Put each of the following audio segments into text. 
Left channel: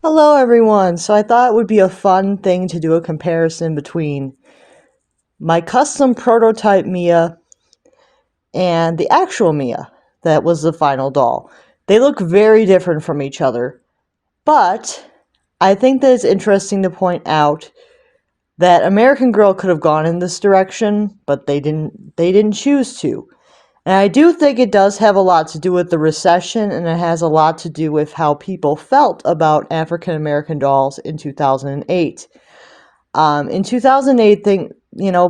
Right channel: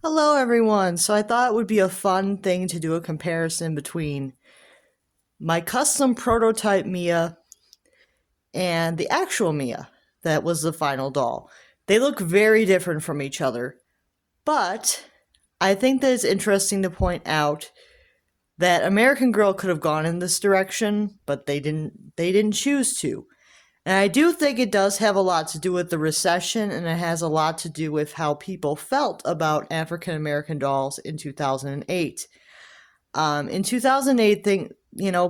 Hello, everyone. So I thought it would be a fun thing to do a comparison between my custom prototype Mia and the actual Mia that was the final doll. They look very different from each other, but I think that it's interesting to point out that American Girl could have gone in this direction, but they didn't. They didn't choose to. And I do think it does have a lot to do with the recession, and it has a lot to do with how people felt about African American dolls in 2008. In 2008,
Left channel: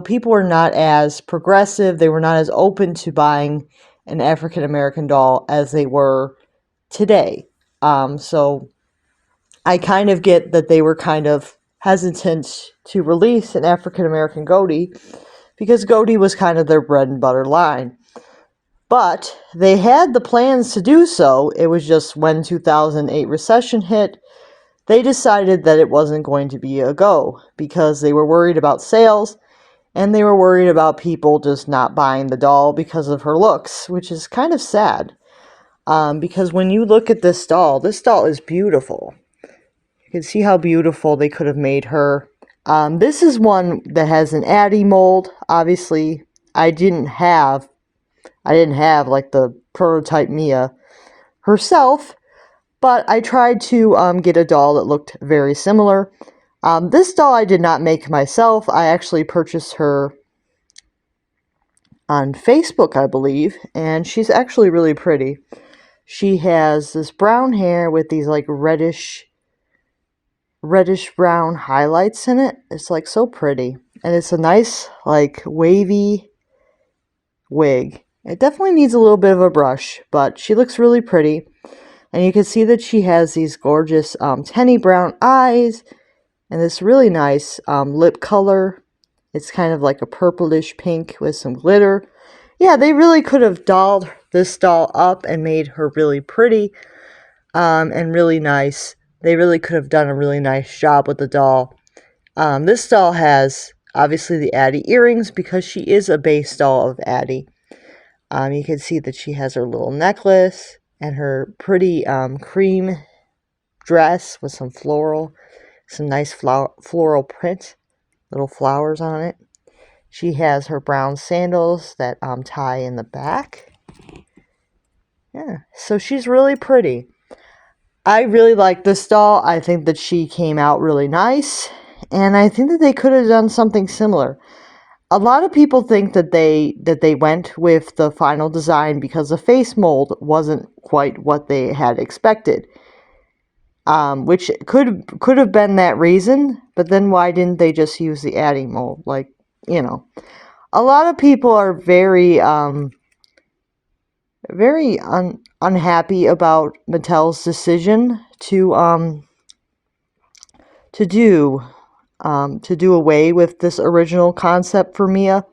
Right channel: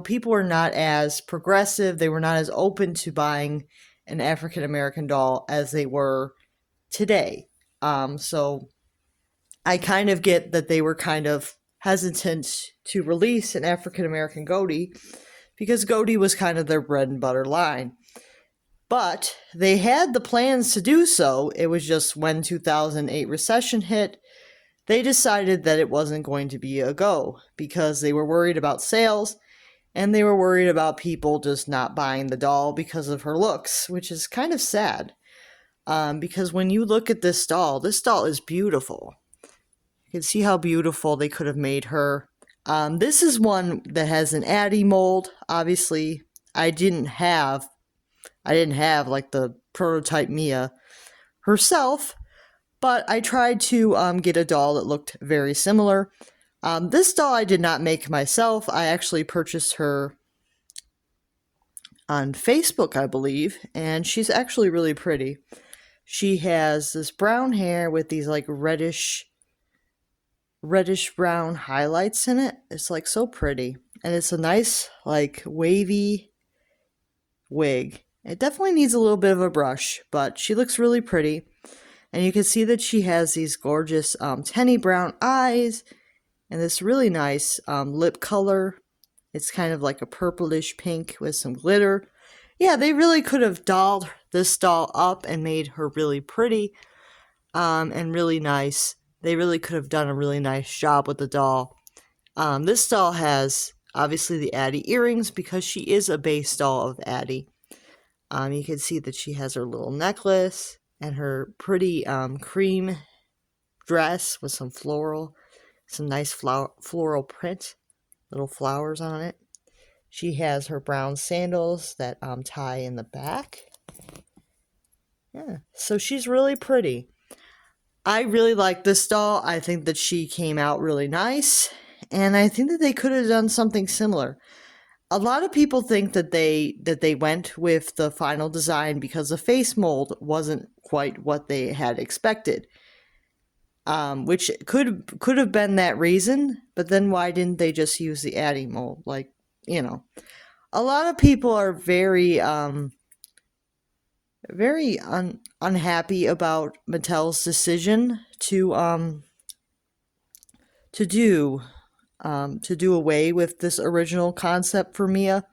people were not as progressive. They were not as open to buying an African American doll as they were today. So I kind of get that they were kind of hesitant to release an African American Goatee because Goatee was kind of their bread and butter line. But they had the plans to do so. It was just when 2008 recession hit, they decided that it wasn't going to be a go because they were worried about sales and they were worried about people just not buying the doll because of her looks, which is kind of sad. Because when you look at this doll is beautiful. You can see how beautiful they could have made her. This is one that has an Addie mold. Obviously, I didn't have like the prototype Mia herself, but I tried to get a doll that looked very similar. This doll I did not make myself. I actually purchased her on Facebook, I believe, and she's actually really pretty. She has this brown hair with these like reddish brown highlights in it. It's like so pretty, and it's a nice like wavy wig. It definitely needs a little bit of a brush, but she looks really pretty. And you can see that she has these gorgeous tenny brown eyes and this really nice lip color. It's kind of like a purplish pink with some glitter. Yeah, they really could have dolled this doll up and made her really pretty and really nice. They really could have done a really nice job with the doll. This doll has obviously the Addie earrings because she is a base doll of Addie. You can see that she has her little necklace and her pretty cream dress with some nice floral print, little flowers on it. She has her brown sandals that tie in the back. Yeah, so she's really pretty. I really like this doll. I think that she came out really nice, and I think that they could have done something similar. A lot of people think that they went with the final design because the face mold wasn't quite what they had expected. Which could have been that reason, but then why didn't they just use the Addie mold? Like, a lot of people are very unhappy about Mattel's decision to do away with this original concept for Mia.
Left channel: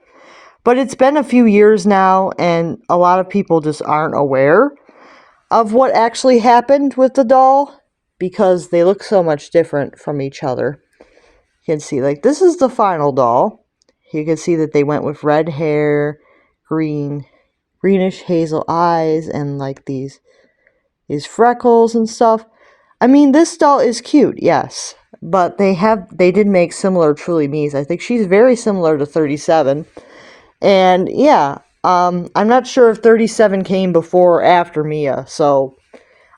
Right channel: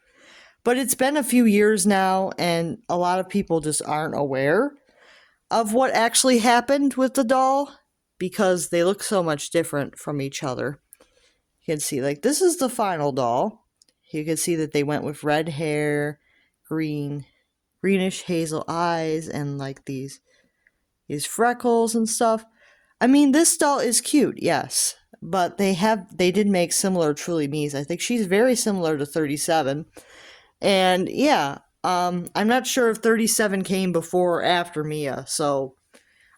But it's been a few years now, and a lot of people just aren't aware of what actually happened with the doll because they look so much different from each other. You can see, like, this is the final doll. You can see that they went with red hair, greenish hazel eyes, and like these freckles and stuff. I mean, this doll is cute, yes, but they did make similar Truly Me's. I think she's very similar to 37. And yeah, I'm not sure if 37 came before or after Mia, so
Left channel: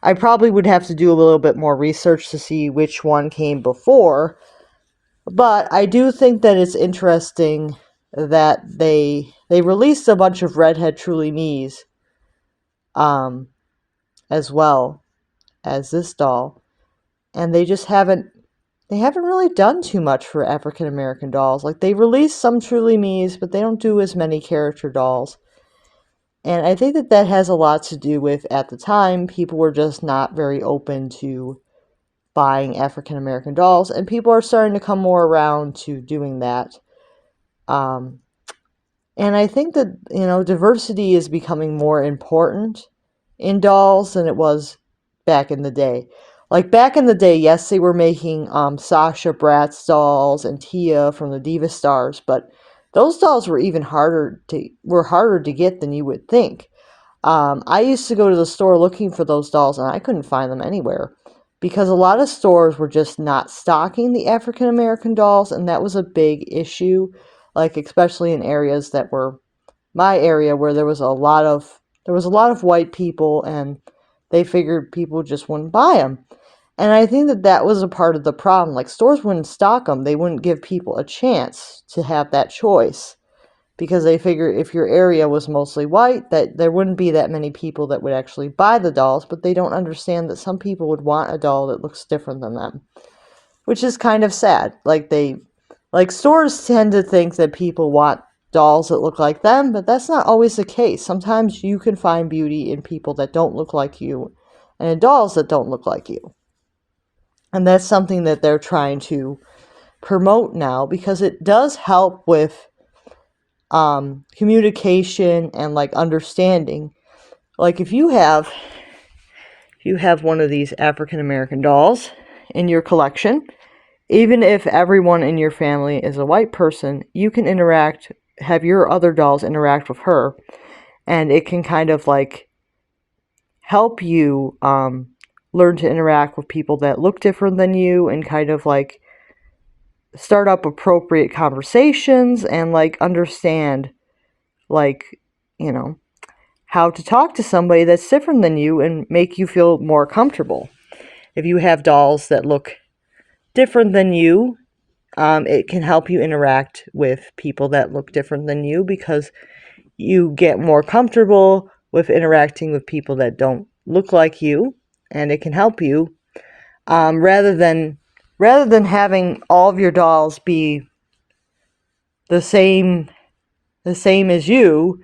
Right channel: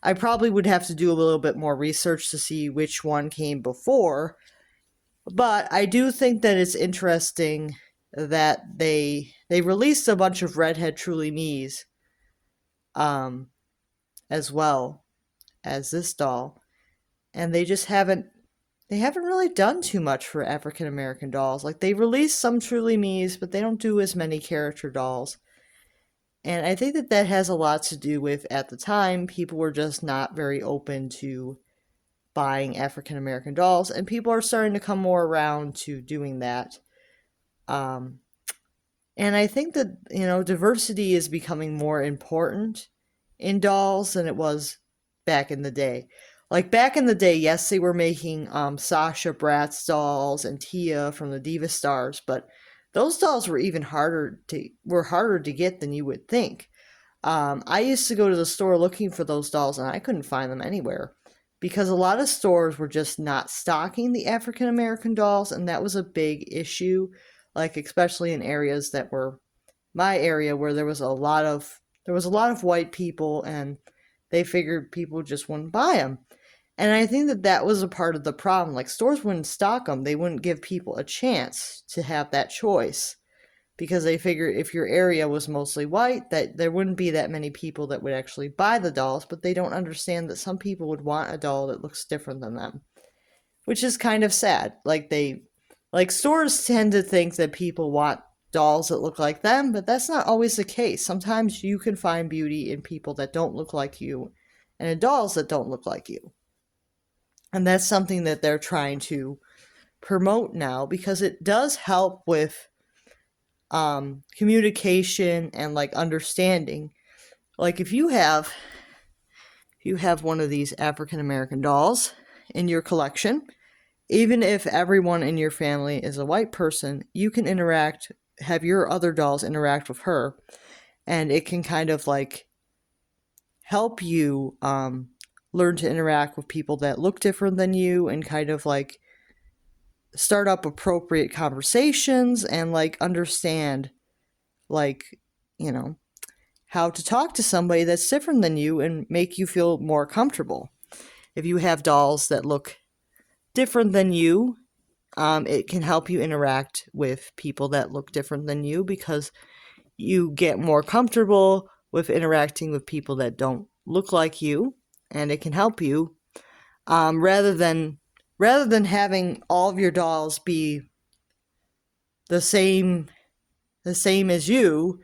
I probably would have to do a little bit more research to see which one came before. But I do think that it's interesting that they released a bunch of redhead Truly Me's as well as this doll, and they haven't really done too much for African American dolls. Like, they released some Truly Me's, but they don't do as many character dolls. And I think that has a lot to do with, at the time, people were just not very open to buying African American dolls, and people are starting to come more around to doing that. And I think that, diversity is becoming more important in dolls than it was back in the day. Like, back in the day, yes, they were making Sasha Bratz dolls and Tia from the Diva Stars, but those dolls were even harder to get than you would think. I used to go to the store looking for those dolls, and I couldn't find them anywhere. because a lot of stores were just not stocking the African American dolls, and that was a big issue, like especially in areas that were my area where there was a lot of white people, and they figured people just wouldn't buy them. And I think that that was a part of the problem. Like, stores wouldn't stock them. They wouldn't give people a chance to have that choice because they figured if your area was mostly white, that there wouldn't be that many people that would actually buy the dolls. But they don't understand that some people would want a doll that looks different than them, which is kind of sad. Like stores tend to think that people want dolls that look like them, but that's not always the case. Sometimes you can find beauty in people that don't look like you and in dolls that don't look like you. And that's something that they're trying to promote now because it does help with communication and like understanding. Like if you have one of these African American dolls in your collection, even if everyone in your family is a white person, you can have your other dolls interact with her, and it can kind of like help you learn to interact with people that look different than you and kind of like start up appropriate conversations and like understand like, you know, how to talk to somebody that's different than you and make you feel more comfortable. If you have dolls that look different than you, it can help you interact with people that look different than you because you get more comfortable with interacting with people that don't look like you, and it can help you rather than having all of your dolls be the same as you,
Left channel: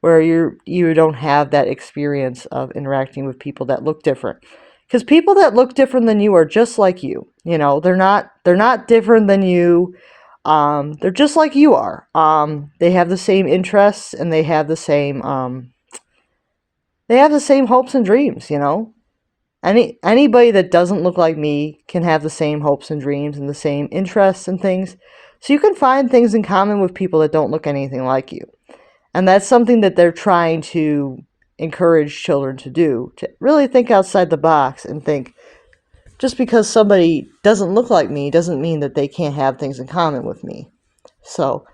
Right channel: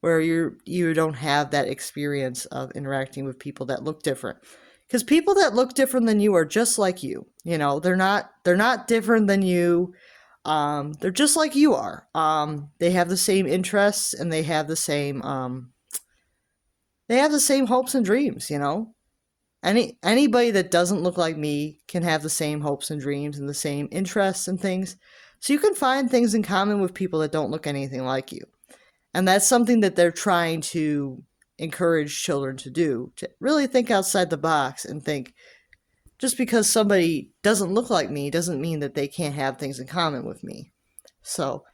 where you don't have that experience of interacting with people that look different. Because people that look different than you are just like you. You know, they're not different than you. They're just like you are. They have the same interests and they have the same hopes and dreams, you know. Anybody that doesn't look like me can have the same hopes and dreams and the same interests and things. So you can find things in common with people that don't look anything like you. And that's something that they're trying to encourage children to do, to really think outside the box and think, just because somebody doesn't look like me doesn't mean that they can't have things in common with me. So,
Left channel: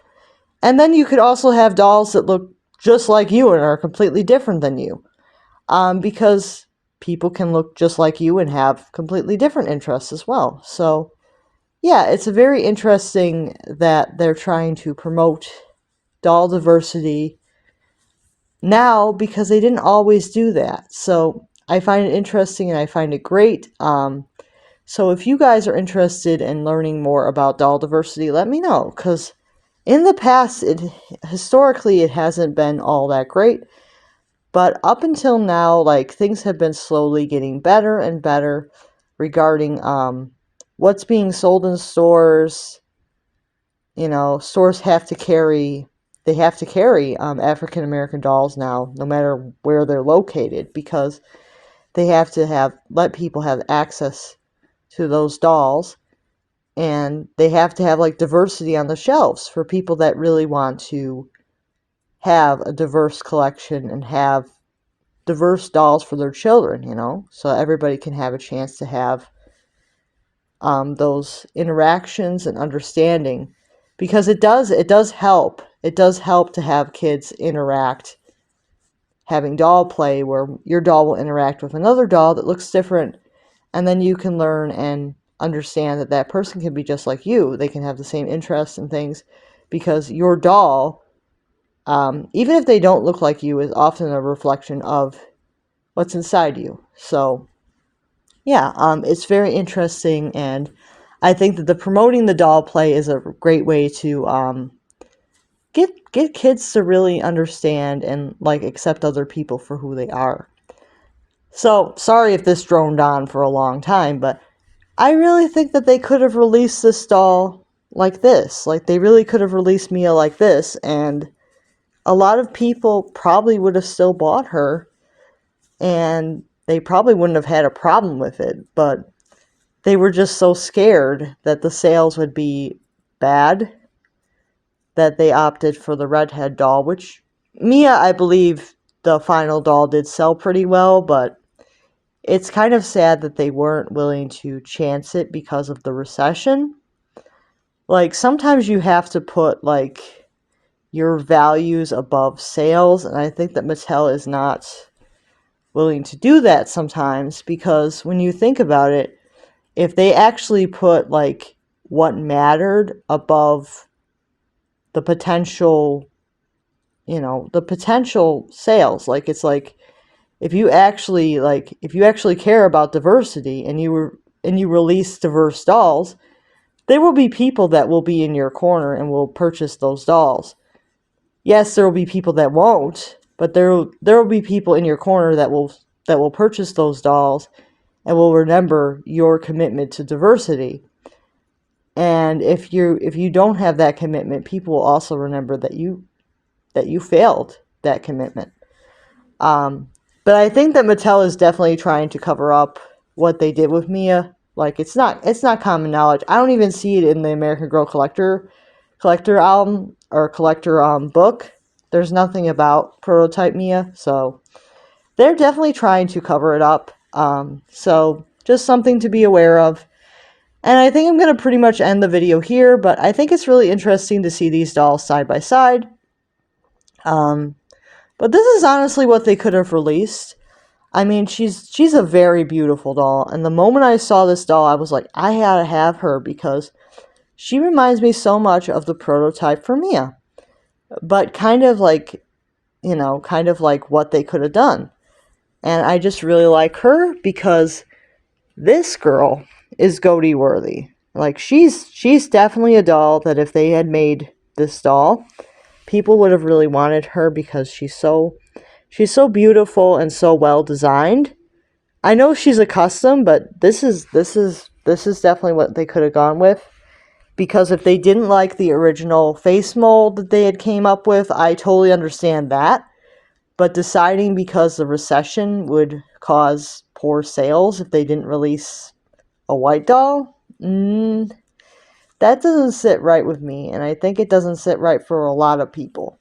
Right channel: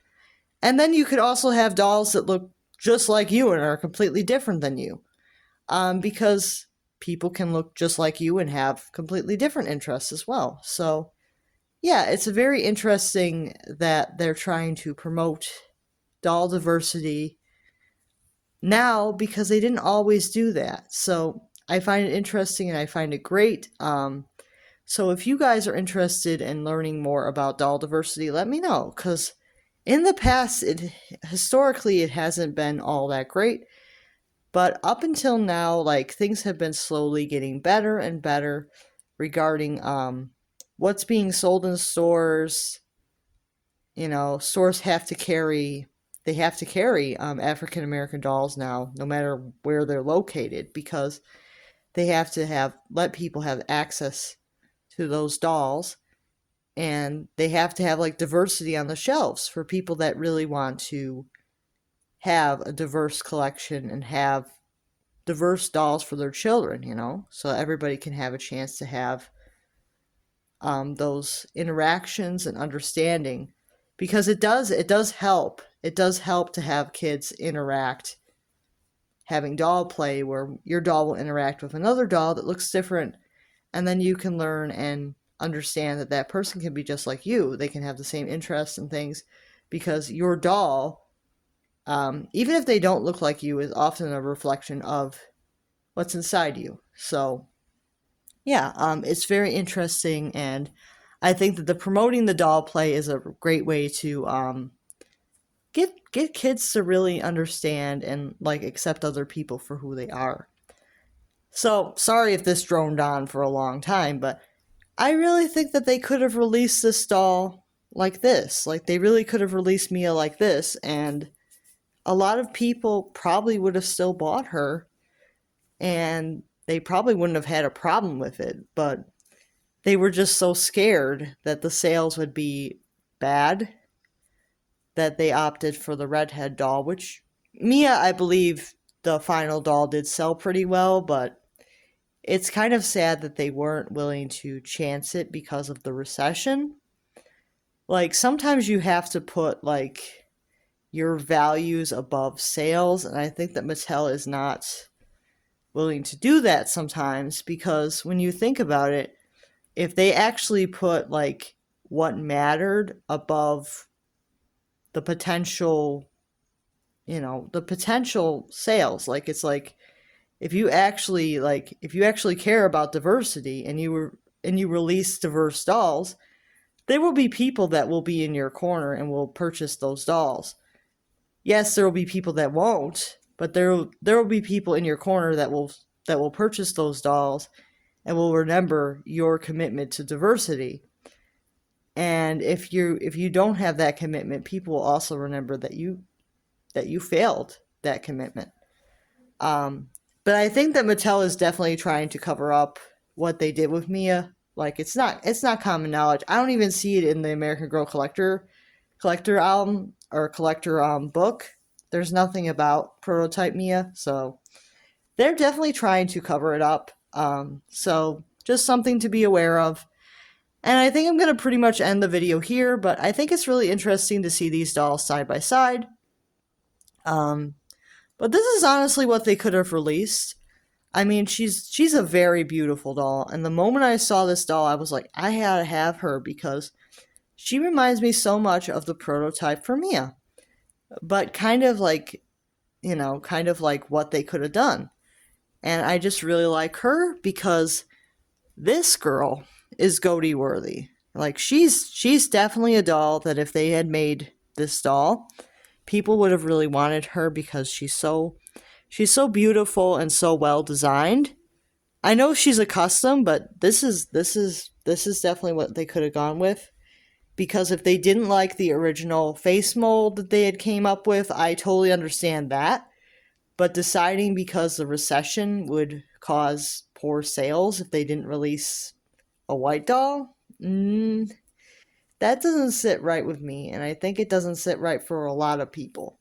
and then you could also have dolls that look just like you and are completely different than you. Because people can look just like you and have completely different interests as well. So, yeah, it's very interesting that they're trying to promote doll diversity now because they didn't always do that. So I find it interesting and I find it great. So if you guys are interested in learning more about doll diversity, let me know, because in the past, historically, it hasn't been all that great. But up until now, like, things have been slowly getting better and better regarding what's being sold in stores. You know, stores have to carry African American dolls now, no matter where they're located, because they have to let people have access to those dolls, and they have to have like diversity on the shelves for people that really want to have a diverse collection and have diverse dolls for their children, you know, so everybody can have a chance to have those interactions and understanding, because it does help. It does help to have kids interact, having doll play where your doll will interact with another doll that looks different, and then you can learn and understand that that person can be just like you. They can have the same interests and things, because your doll, even if they don't look like you, is often a reflection of what's inside you. So yeah, it's very interesting, and I think that the promoting the doll play is a great way to get kids to really understand and like accept other people for who they are. So sorry if this droned on for a long time, but I really think that they could have released this doll like this. Like, they really could have released Mia like this, and a lot of people probably would have still bought her, and they probably wouldn't have had a problem with it, but they were just so scared that the sales would be bad that they opted for the redhead doll, which Mia, I believe the final doll did sell pretty well, but it's kind of sad that they weren't willing to chance it because of the recession. Like, sometimes you have to put, like, your values above sales, and I think that Mattel is not willing to do that sometimes, because when you think about it, if they actually put, like, what mattered above the potential, the potential sales, like, it's like, if you actually care about diversity and you release diverse dolls, there will be people that will be in your corner and will purchase those dolls. Yes, there will be people that won't, but there will be people in your corner that will purchase those dolls and will remember your commitment to diversity. And if you don't have that commitment, people will also remember that you failed that commitment. But I think that Mattel is definitely trying to cover up what they did with Mia. Like, it's not common knowledge. I don't even see it in the American Girl collector album or collector book. There's nothing about prototype Mia, so they're definitely trying to cover it up. So just something to be aware of. And I think I'm going to pretty much end the video here, but I think it's really interesting to see these dolls side by side. But this is honestly what they could have released. I mean, she's a very beautiful doll, and the moment I saw this doll, I was like, I had to have her because she reminds me so much of the prototype for Mia. But kind of like what they could have done. And I just really like her because this girl is goatee worthy. Like, she's definitely a doll that if they had made this doll, people would have really wanted her because she's so beautiful and so well designed. I know she's a custom, but this is definitely what they could have gone with. Because if they didn't like the original face mold that they had came up with, I totally understand that. But deciding because the recession would cause poor sales if they didn't release a white doll, that doesn't sit right with me. And I think it doesn't sit right for a lot of people.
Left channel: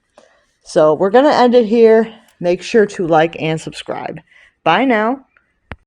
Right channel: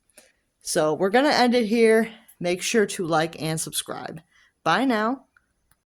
So we're going to end it here. Make sure to like and subscribe. Bye now.